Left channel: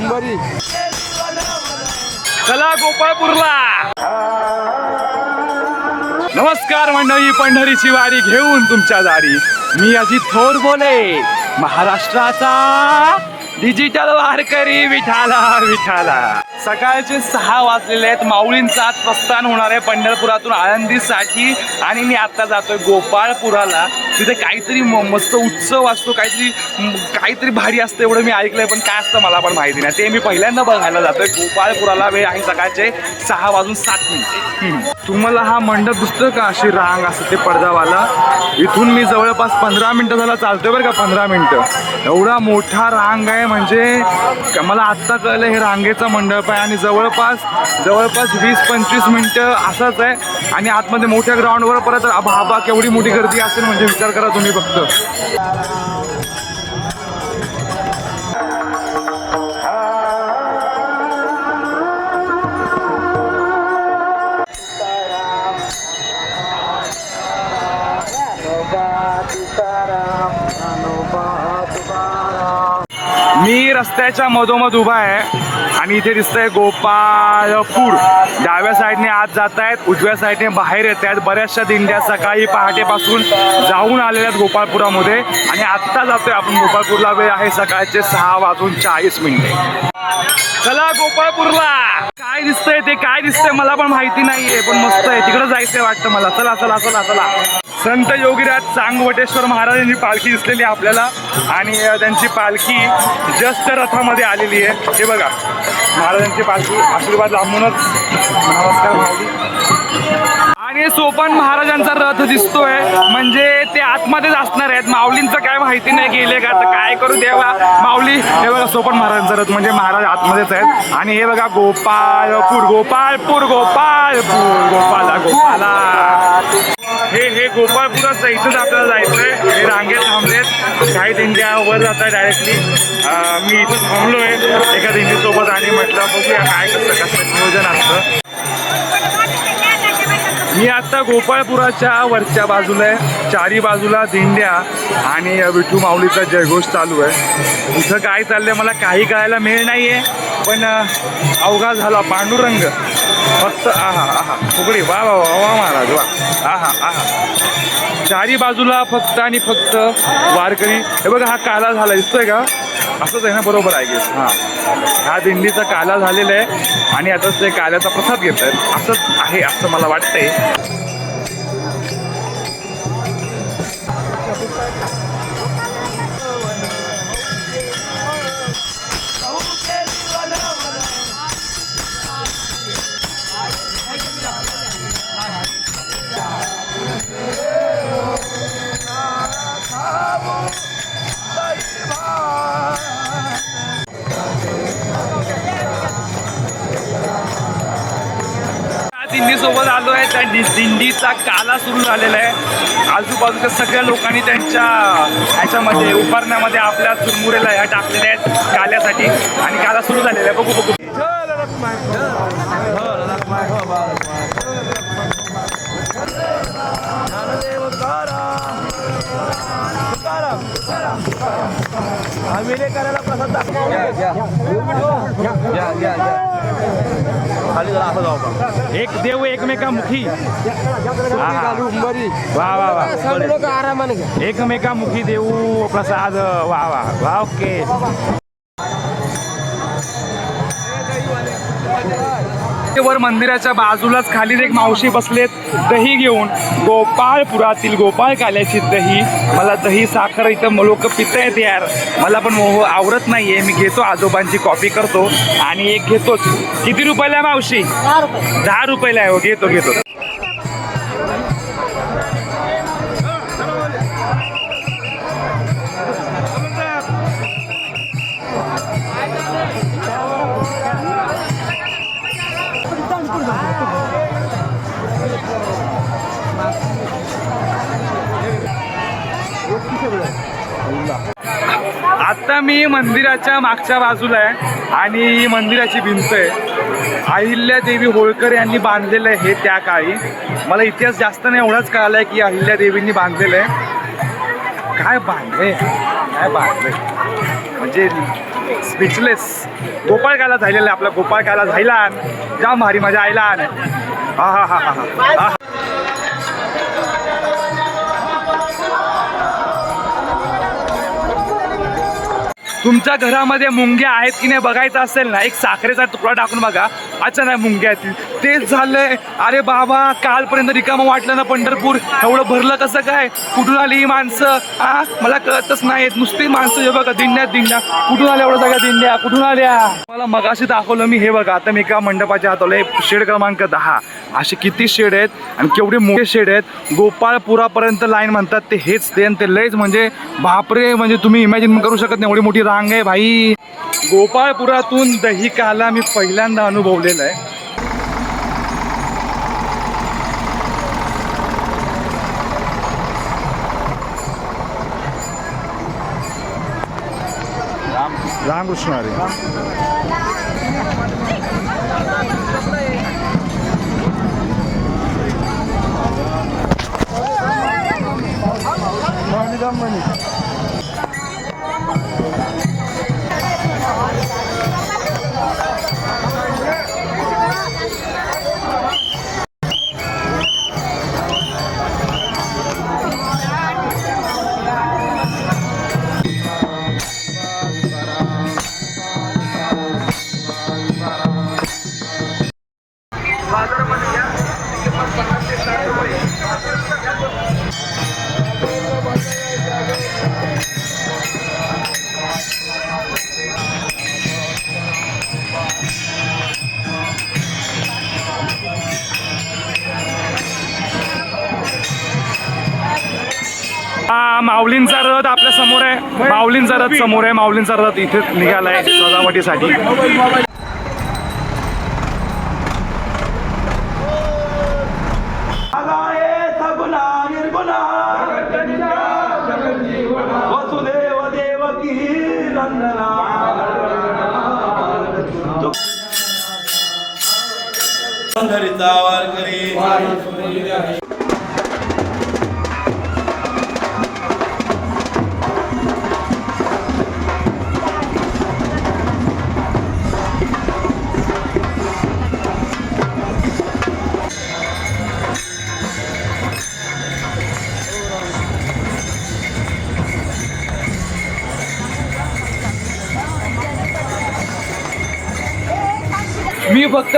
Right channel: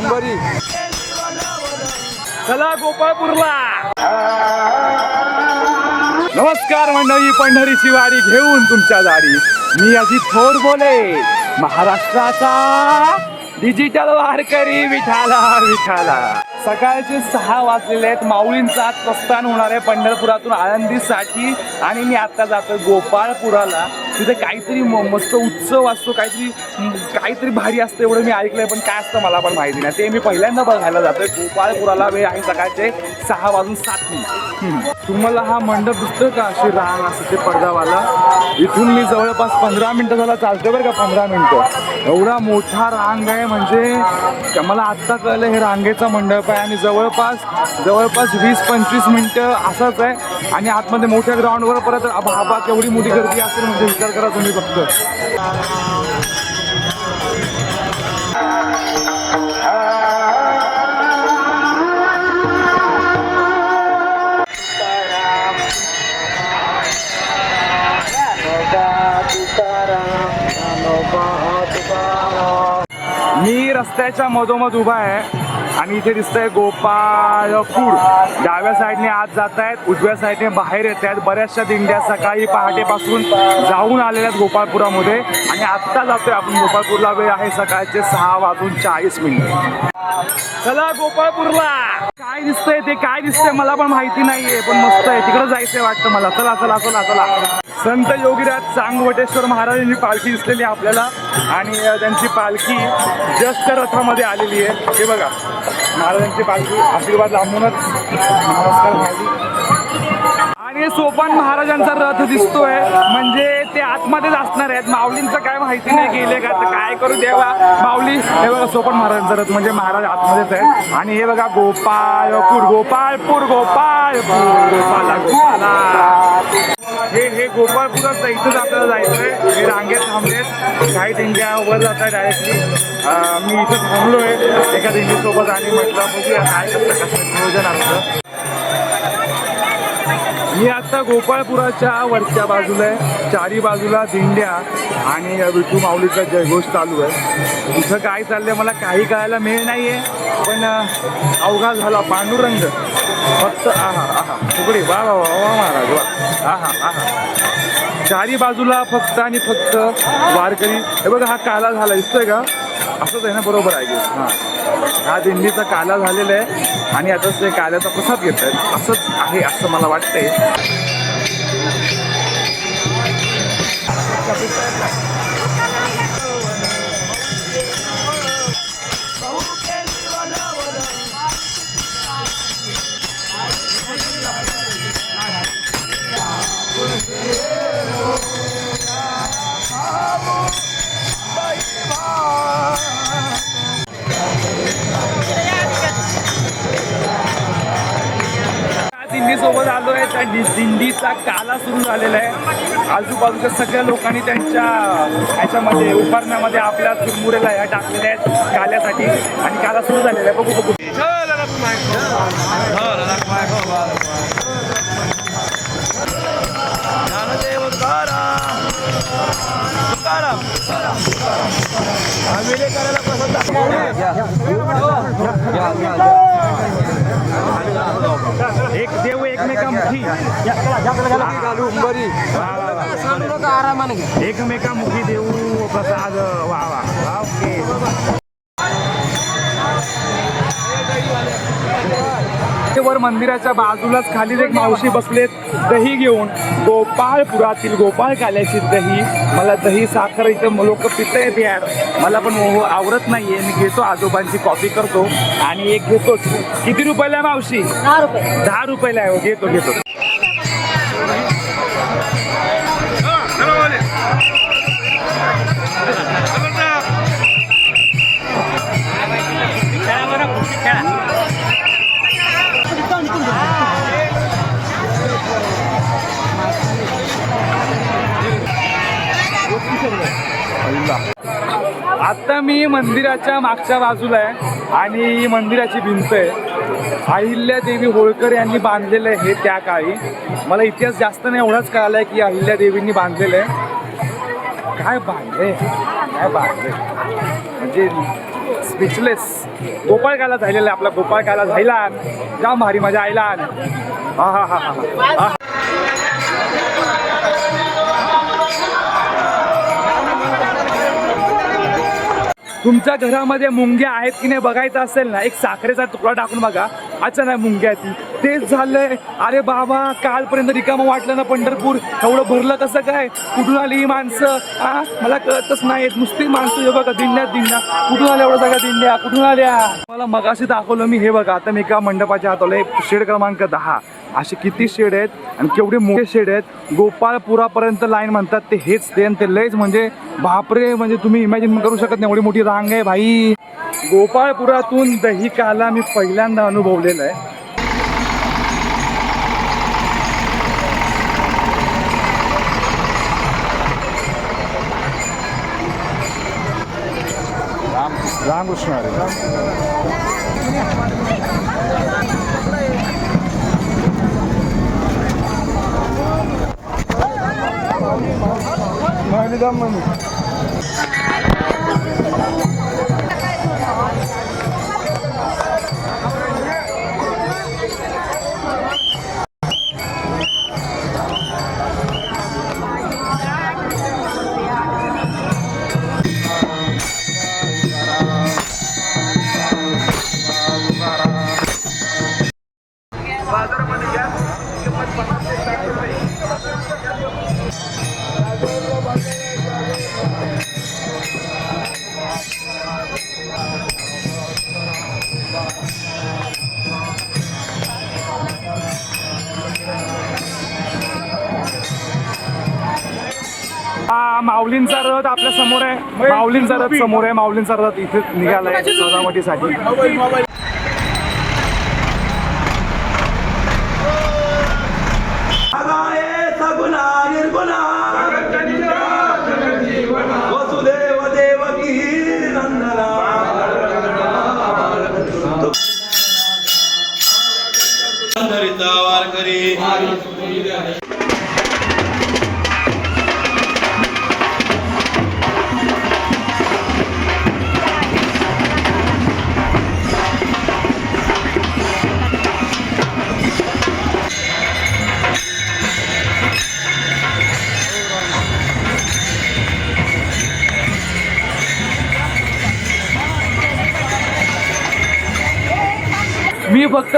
उंबरी चला गोपाळपूरला. नमस्कार मंडळी पंढरीची वारी घेऊन तुमच्या दारी. मी अजित थोर बोले. महाराष्ट्राचा डिजिटल वारकरी विठाला विठाला सकाळचे सहा वाजलेले आहेत. माऊलींचा आज प्रस्थान होणार आहे पंढरपुरातून आळंदीसाठी. आणि मी आता जातोय गोपाळपुराला. तिथे काहीतरी म- मस्त उत्सव असतो काहीतरी काहीतरी भारी असतं एवढं मी ऐकलंय पण काय असतं मला पण माहिती नाही. ते मी पहिल्यांदा बघायला जातोय. गोपाळपुराला वेळ आहे सकाळचे सहा वाजून सात मिनिट. तुम्हाला हा मंडप दिसतो का? अशी रांग असते ते पडदावाला इथून मी जवळपास पंधरा मिनिटं झाला चालतोय बरं का पंधरा मिनिटं. एवढा मोठा रांग आहे म्हणजे मला आत्ता कळलं हे रांगेचा मंडप आहे आणि जवळपास जवळपास वीस पंचवीस मिनटं असंच आहे. आणि आतमध्ये मोठ्या ग्राउंडवर परत बाबा केवढी मोठी गर्दी असेल म्हणजे विचार करा तुम्ही फक्त. रस्त्याच्या मधोमध उभा आहे. आणि इथे दिसतंय गोपाळपूर. डाव्या साईडने आत जात आहेत उजव्या साईडने बाहेर येत आहेत बऱ्याचशा दिंड्या सकाळी पहाटेपासून जाऊन आलेल्या आहेत गोपाळपुरामध्ये. आणि आत्ता जातोय आपण गोपाळपूरला. वेळ आहे सकाळचे सहा वाजून चाळीस मिनिटे. चला गोपाळपूरला. काय दिसतंय ते? काय दिसतंय? मला पण माहिती नाहीये पण मस्त आहे. तिकडे जायचंय वाटतं मला. चला चला चला चला. संत योगीराज चांगवटेश्वर महाराजांची पालखी दिसलेली आहे आपल्याला. आणि त्यांची पालखी जस्त रथामध्ये आलेली आहे. हे बघा महाराजांची पालखी आशीर्वाद लांबूनच. नमस्कार माऊली आणि सोपान महाराजांचा रथ दिसतोय. म्हणजे ते आतमध्येच असणार आहेत. माऊलींचं काय माहिती नाही गेले का? तर काय करू देवा? माऊली हे बघा सोपान महाराजांचा रथ म्हणजे महाराज आतमध्येच आहेत. आणि हे बघा गोपाळपूर गोपाळपूर गोपाळपूर गोपाला हे हे गोपाळपुराचं इथंच आपल्याला जायचंय. हे रांगेत थांबलेत. काही दिंड्या वर जात आहे डायरेक्टली मी इथं थांबलो आहे एका दिंडीसोबत आणि म्हटलं बघूया काय कसं कसं नियोजन असतं. मी आता गोपाळपुराच्या वरच्या बाजूला आहे. चारी बाजूला दिंड्या आणि विठू माऊलीचा जयघोष चालू आहे. इथं काय चाललंय मला काही कळायला मिळ आहे पण अवघात अवघा झाला पांडुरंग. फक्त आहा आहा फुगडी. वा वा वा वा महाराज वा. आहा आहा. चारी बाजूला फक्त आणि फक्त वारकरी. हे बघा हा काला झाला दिसतोय का? असंच आहे ना बरोबर आहे गेस. हां. हा दिंडीचा काला झालेला आहे. आणि आता ते काल्याचा प्रसाद घेत आहेत असंच आहे असं मला वाटतंय. दिंडीसोबत आलो आहे त्या दि- दिंडीचा काला सुरू झालेला आहे. आजूबाजूच्या सगळ्या लोकांनी त्यांच्या ह्याच्यामध्ये उभारण्यामध्ये आपल्या चुरमुरेला ह्या टाकलेल्या आहेत काल्यासाठी. आणि काला सुरू झालेला आहे. बघू बघू. एक देव एकमेकामुखी. वा वा वा. एकमेकामुखी देऊ प्रसाद. वा वा. वा ओके. वर मंदिराच्या बाजूलाच खाली एक मावशी बसलेत दही घेऊन. गोपाळपुरातील गोपाळ काल्याची दही. मला दही साखर इथं लोक पित आहेत यार. मला पण मोह आवडत नाहीये. मी घेतो आजोबांची कॉपी करतो आणि एक घेतोच. किती रुपयाला मावशी? दहा रुपयाला आहे हो. घेतो घेतो. आत्ता मी मंदिराच्या मागच्या बाजूला आहे आणि ही मंदिराची भिंत आहे. अहिल्या देवी होळकर यांनी बांधलेलं आहे हे त्या काळी. मला इतिहास जास्त नाही एवढाच कळाला आहे की अहिल्या देवींनी बांधलेलं आहे. काय बांधले काय बांधले म्हणजे स्पीचलेस गोपाळ कायला झालेला आहे आपला गोपाळ कायला झायला जाम भारी मजा आयला हा हा हा हा हा. तुमच्या घरामध्ये मुंग्या आहेत की नाही बघायचं असेल ना एक साखरेचा तुकडा टाकून बघा. अचानक मुंग्या येतील. तेच झालंय. अरे बाबा कालपर्यंत रिकामं वाटलं ना पंढरपूर. एवढं भरलं कसं काय? कुठून आली ही माणसं? आ मला कळतच नाहीत. नुसती माणसं हे बघा दिंड्यात दिंड्या. कुठून आल्या एवढं सगळ्या दिंड्या? कुठून आल्या? मला मगाशी दाखवलं मी हे बघा आता मी एका मंडपाच्या हात आलोय शेड क्रमांक दहा. असे किती शेड आहेत आणि केवढे मोठे शेड आहेत. गोपाळपुरापर्यंत लाईन म्हणतात ते हेच ते आणि ते लयच म्हणजे बापरे म्हणजे तुम्ही इमॅजिन करू शकत नाही. एवढी मोठी रांग आहे भाई. गोपाळपुरातून दही काला मी पहिल्यांदा अनुभवलेलं आहे. राम रामकृष्ण हरी. राम हा माऊलींचा रथ आपल्यासमोर आहे. माऊलींचा रथ समोर आहे. माऊलींचा रथ इथे निघालाय सजावटीसाठी.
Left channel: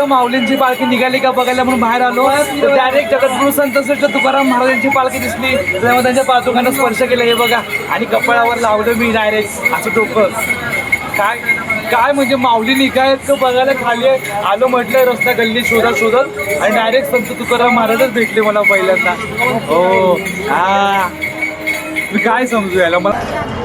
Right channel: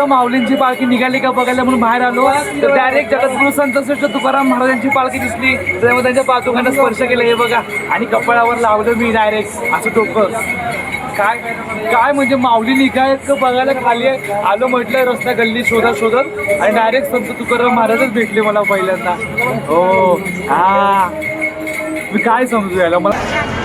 इथं माऊलींची पालखी निघाली का बघायला म्हणून बाहेर आलो. तर डायरेक्ट जगद्गुरु संत श्रेष्ठ तुकाराम महाराजांची पालखी दिसली. त्यामुळे त्यांच्या पादुकांना स्पर्श केला हे बघा. आणि कपाळावर लावलं मी डायरेक्ट असं डोकं. काय काय म्हणजे माऊली निघायत का बघायला खाली आहे. आलो म्हटलं रस्ता गल्ली शोधत शोधत. आणि डायरेक्ट संत तुकाराम महाराजच भेटले मला पहिल्यांदा. हो हा. मी काय समजू यायला मला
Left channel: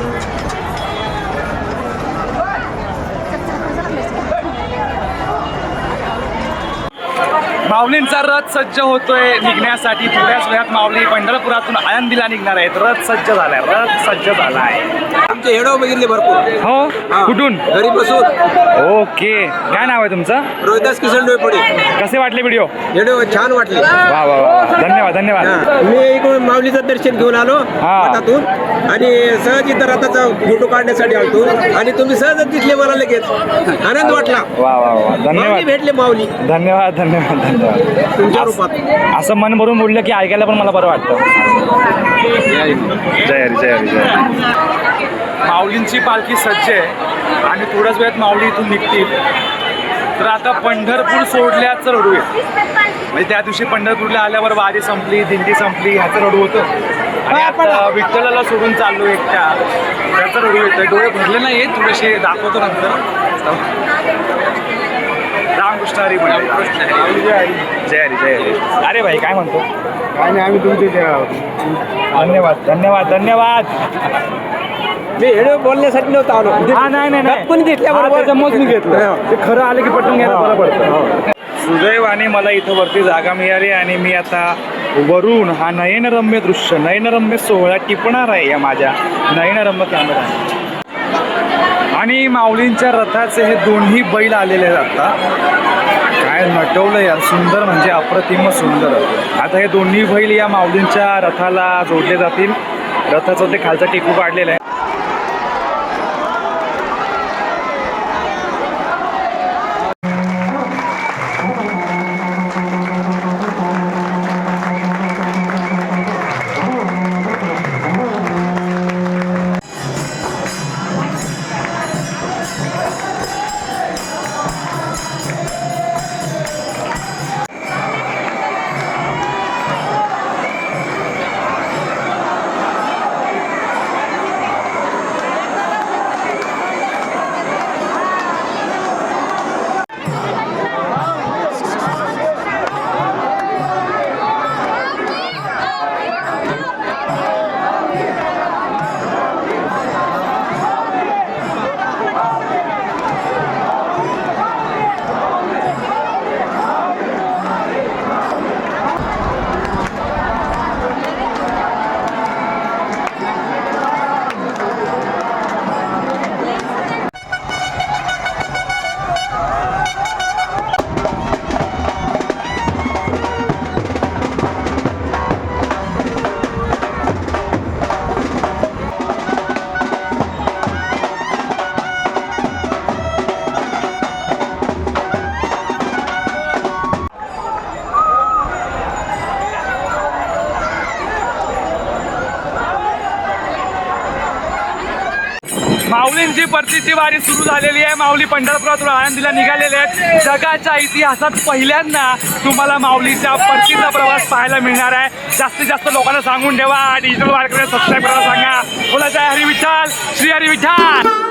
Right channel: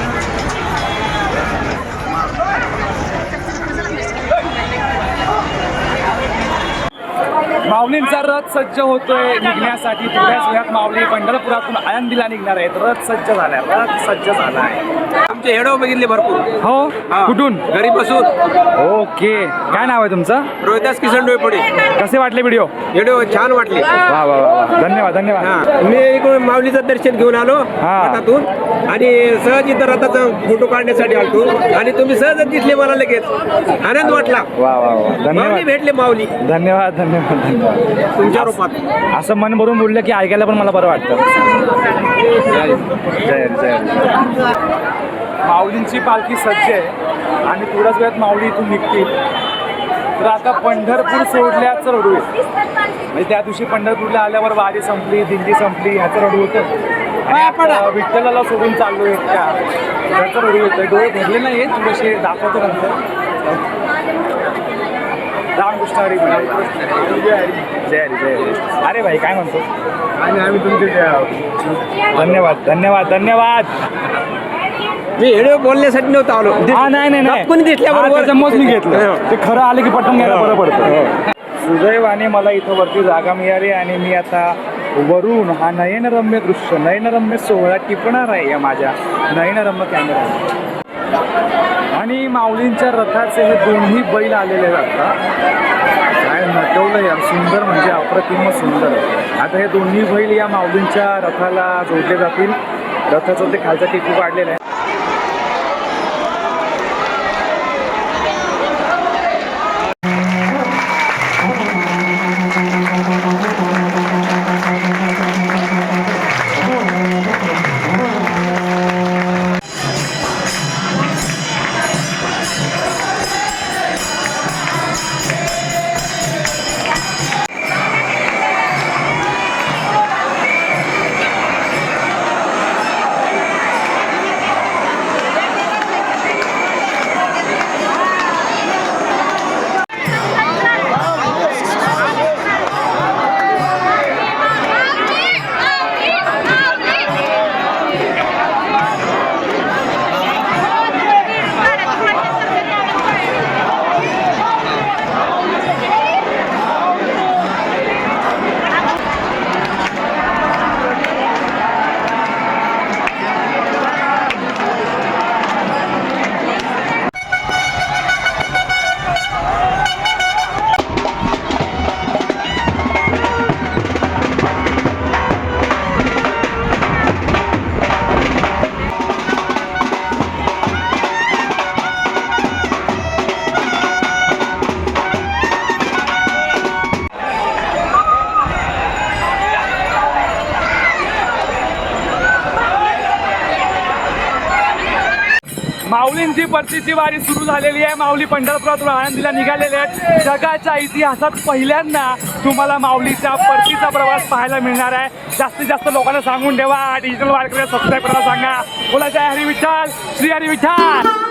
माऊलींचा रथ सज्ज होतोय निघण्यासाठी. थोड्याच वेळात माऊली पंढरपुरातून आळंदीला निघणार आहेत. रथ सज्ज झालाय. रथ सज्ज झालाय. आमचे हेडो बघितले भरपूर. हो? हा. कुठून? घरी बसून. ओके. काय नाव आहे तुमचं? रोहिदास किसन डोयपडे कसे वाटले व्हिडिओ? हेडो छान वाटले. वा वा वा वा. धन्यवाद धन्यवाद. हा. मी इकडून माऊलीचं दर्शन घेऊन आलो हा. मठातून. आणि सहज इथं रथाचा फोटो काढण्यासाठी आलतो. आणि तुम्ही सहजच दिसले मला लगेच आनंद वाटला. वा वा वा. माऊली धन्यवाद भेटले माऊली. धन्यवाद धन्यवाद धन्यवाद. तुमच्या रूपात. असं मन भरून बोललं की ऐकायला पण मला बरं वाटतं. जय हरी जय हरी जय हरी. माऊलींची पालखी सज्ज आहे आणि थोड्याच वेळात माऊली इथून निघतील. तर आता पंढरपूर सोडल्याचं रडू आहे म्हणजे त्या दिवशी पंढरपूरला आल्यावर वारी संपली दिंडी संपली ह्याचं रडू होतं. आणि आता विठ्ठलाला सोडून चाललो एकट्या त्याचं रडू येतं डोळे भरले नाही आहेत थोडेसे दाखवतो नंतर. रामकृष्ण हरी म्हणजे जय हरी जय हरी. अरे भाई काय म्हणतो? आणि आम्ही तुमचे धन्यवाद धन्यवाद धन्यवाद. मी हेडो बोलण्यासाठी नव्हतं आलो. हा, नाही नाही नाही. कोणी दिसल्याबरोबर त्याच्यामुळेच मी घेतलं. ते खरं आले की पटून घ्यायला बरं पडतं. सुदैवाने मला इथं वरती जागा मिळाली आणि मी आता वरून हा नयनरम्य दृश्य नयनरम्य सोहळा टिपणार आहे या माझ्या नयनरम्य कॅमेरा आणि माऊलींच्या रथाचे हे दोन्ही बैल आलेले आहेत आता. काय नटवलं यार सुंदर म्हणजे अप्रतिम सुंदर. आता हे दोन्ही बैल या माऊलींच्या रथाला जोडले जातील. रथाचं ते खालचा टिकू काढलेलं आहे. माऊलींची परतीची वारी सुरू झालेली आहे. माऊली पंढरपुरात आळंदीला निघालेले आहेत. जगाच्या इतिहासात पहिल्यांदा तुम्हाला माऊलीच्या परतीचा प्रवास पाहायला मिळणार आहे. जास्तीत जास्त लोकांना सांगून ठेवा. डिजिटल वारकऱ्या सबस्क्राईब करायला सांगा. बोला जय हरी विठ्ठल. श्री हरी विठ्ठल.